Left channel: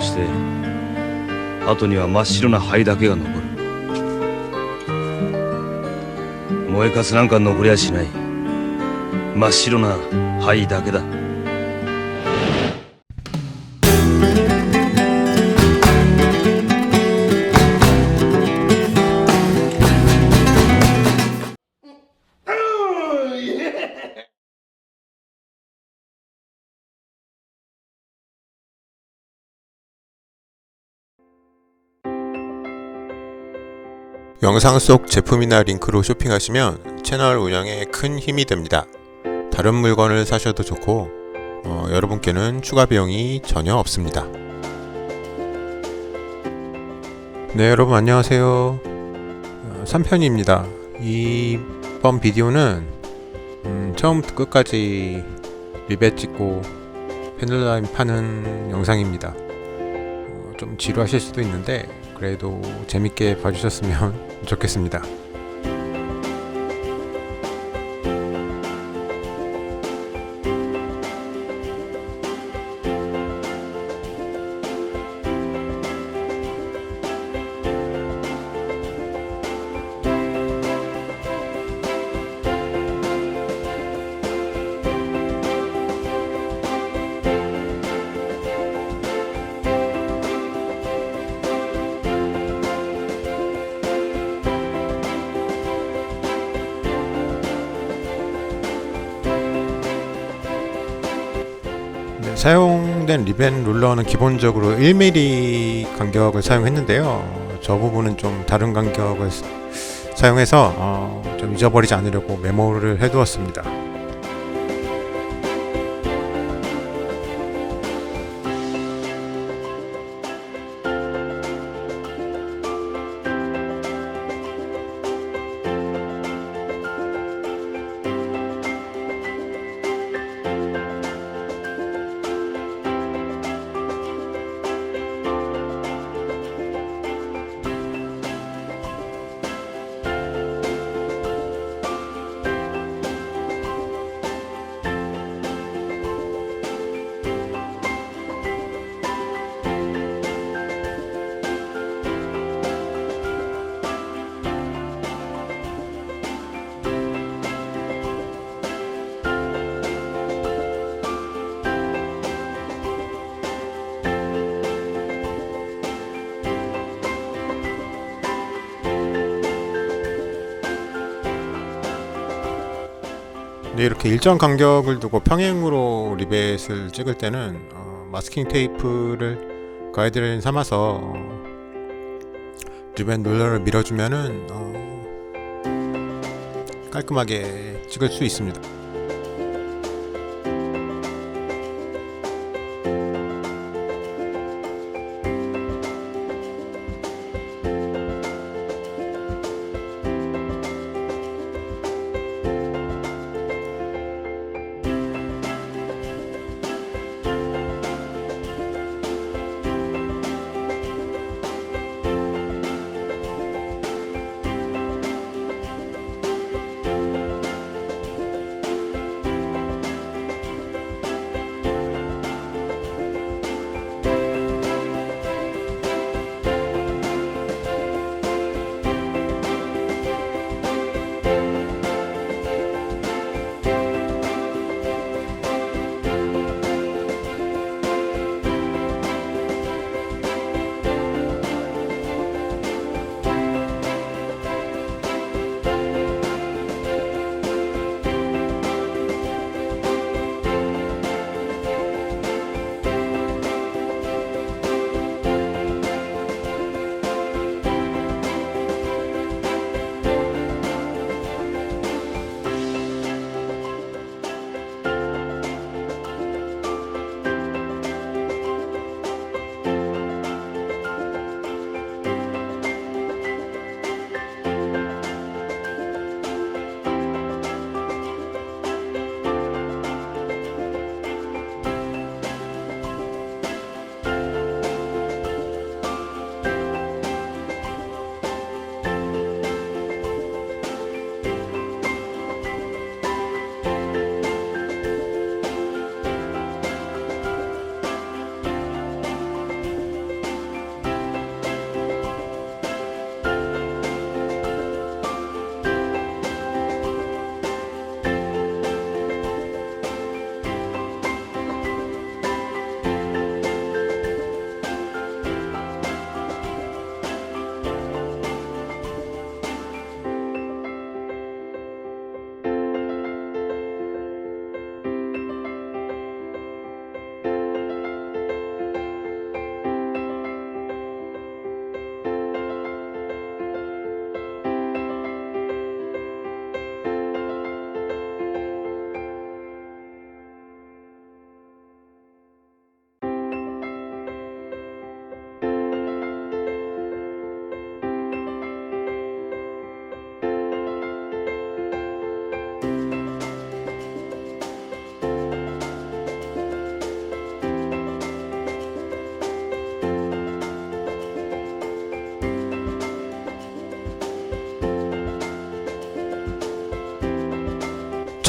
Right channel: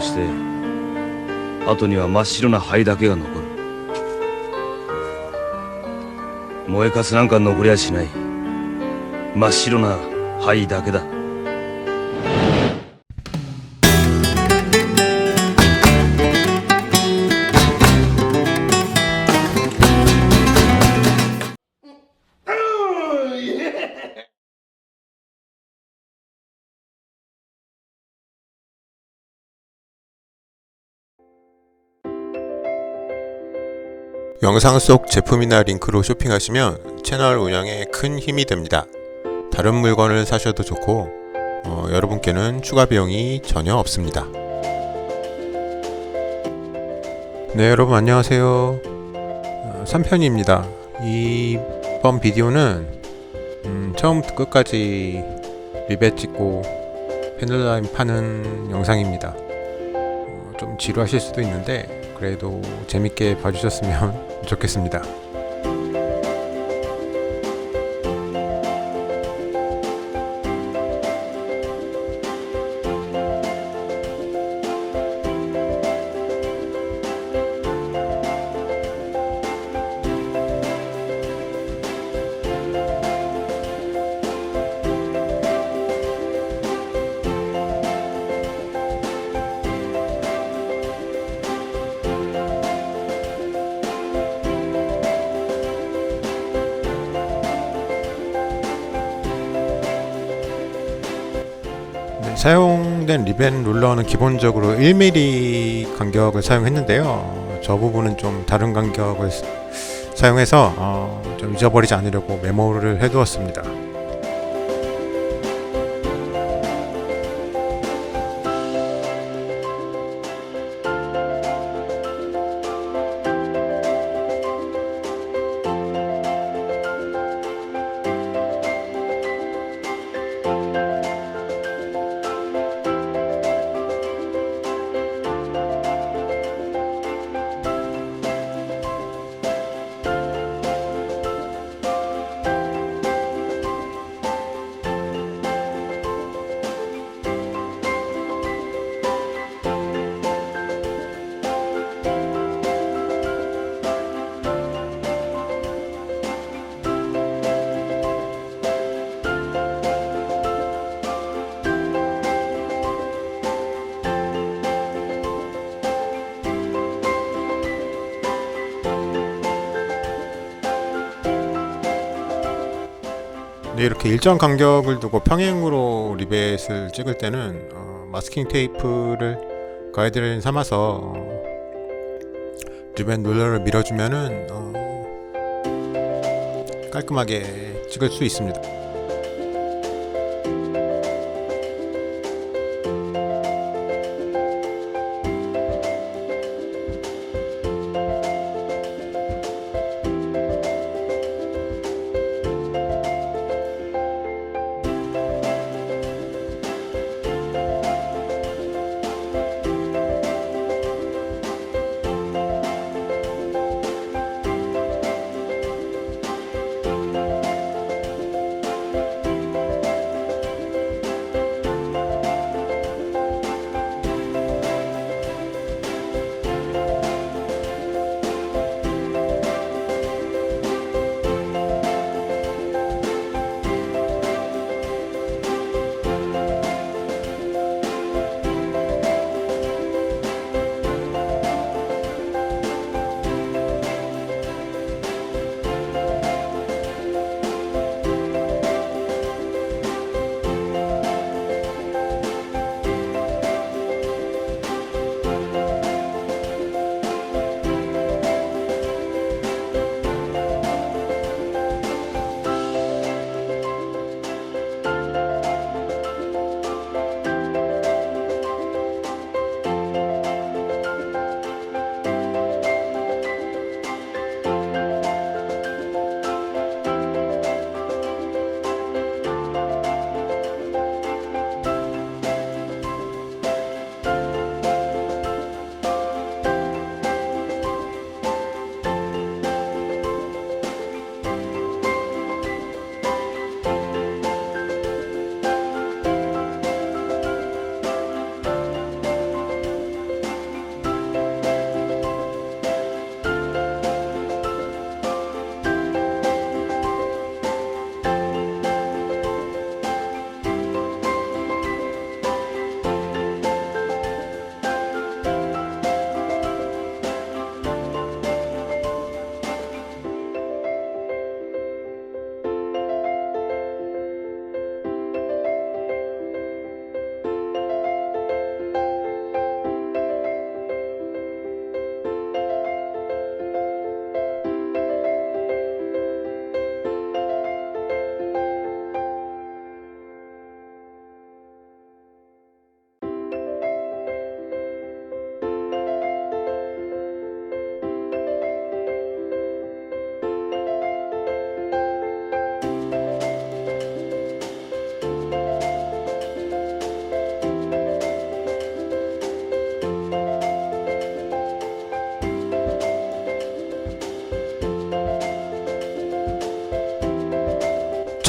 として後には真っ白な灰だけが残る。燃えかすなんか残りゃしない。真っ白な灰だけだ。영상 속 제품이나 링크로 쇼핑하시면 채널 운영에 큰 힘이 됩니다. 다른 물건을 사셔도 좋고 여러분께는 추가 비용이 전혀 없습니다. 네, 여러분 안녕하세요. 3편입니다. 이번 비디오는 처음부터 끝까지 리벳 찍고 펜들라임 파는 영상입니다. 좀 지루하실 수도 있는데 그래도 재밌게 봐주셨으면 좋겠습니다. 네, 사용된 리벳 룰러는 기본적으로 1mm 간격을 사용했는데요. 저 부분은 좀 다른 간격을 사용해서 좀 잊어버리지 않으려고 메모를 해두었습니다. 네, 이렇게 일정 간격을 두고 평행으로 리벳을 찍을 때는 마스킹 테이프를 가이드라인 삼아서 리벳 룰러를 밀어주면은 깔끔하게 찍을 수 있습니다.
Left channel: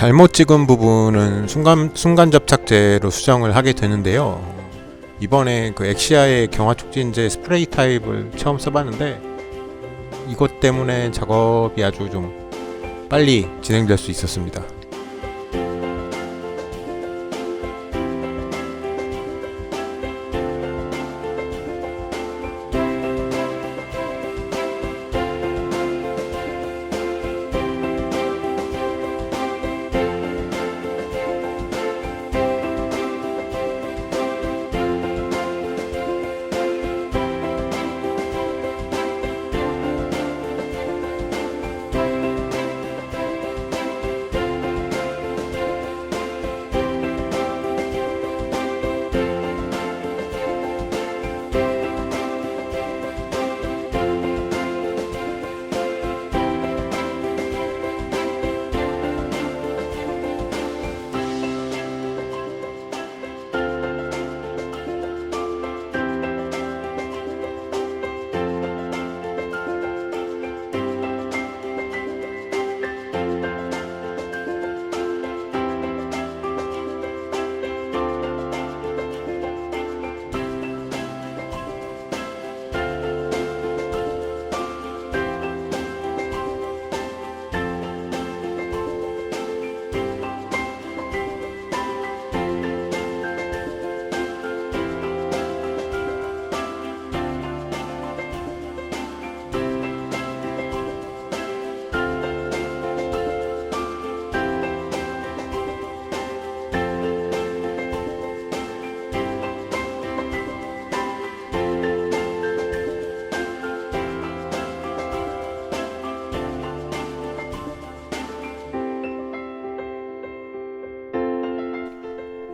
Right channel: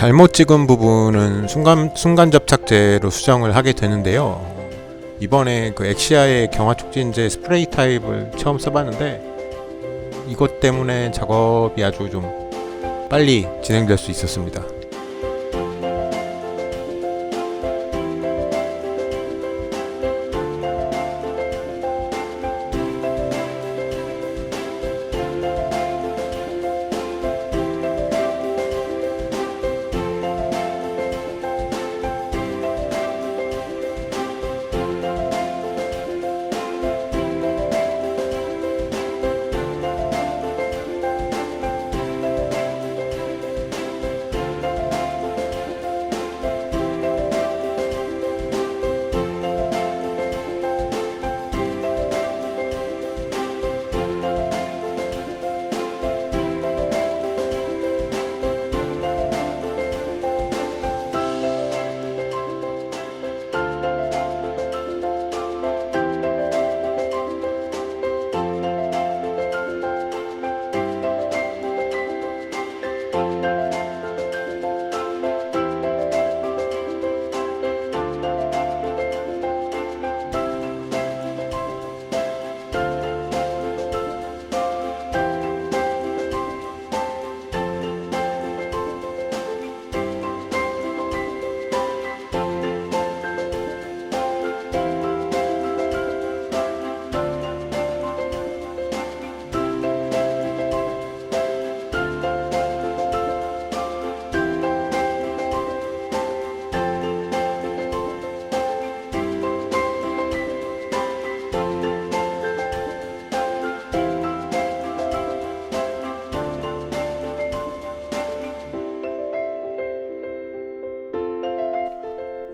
잘못 찍은 부분은 순간 접착제로 수정을 하게 되는데요. 이번에 그 엑시아의 경화 촉진제 스프레이 타입을 처음 써봤는데 이것 때문에 작업이 아주 좀 빨리 진행될 수 있었습니다.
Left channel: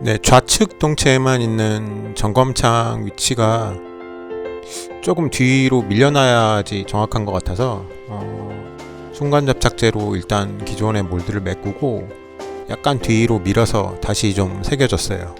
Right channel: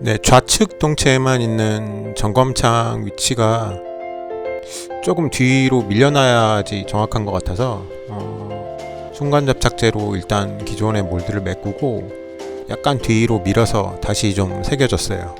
네, 좌측 동체에만 있는 점검창 위치가 조금 뒤로 밀려나야지 정확한 것 같아서 순간 접착제로 일단 기존의 몰드를 메꾸고 약간 뒤로 밀어서 다시 좀 새겨줬어요.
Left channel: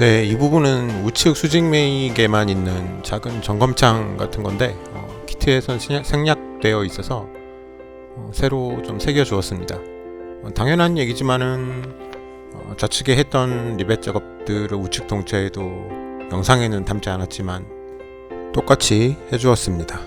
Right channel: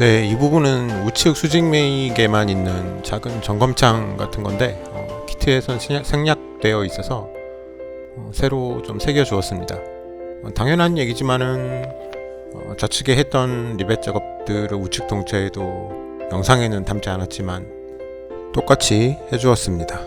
네, 이 부분은 우측 수직 매익에만 있는 작은 점검창 같은 건데 키트에선 생략되어 있어서 새로 좀 새겨 주었습니다. 당연한 얘기지만은 좌측에 했던 리벳 작업들을 우측 동체에도 영상에는 담지 않았지만 똑같이 해주었습니다.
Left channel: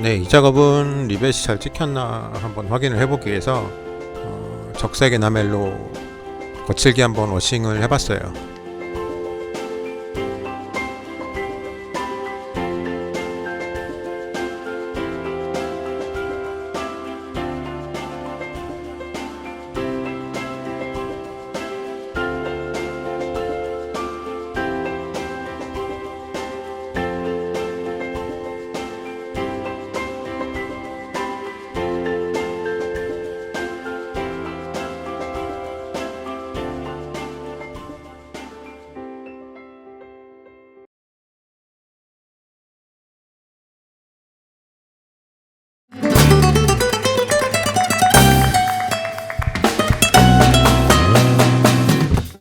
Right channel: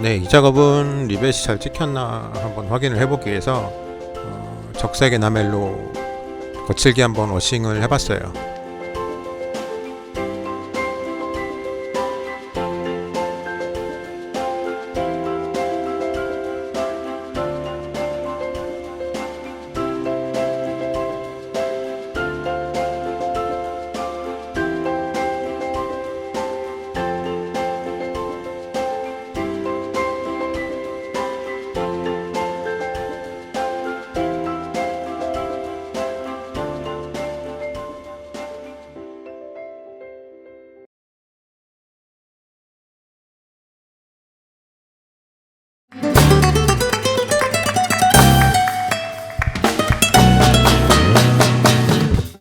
네, 이 작업은 리벳이 잘 찍혔나 한번 확인을 해보기 위해서 적색 에나멜로 거칠게 한번 워싱을 해봤어요.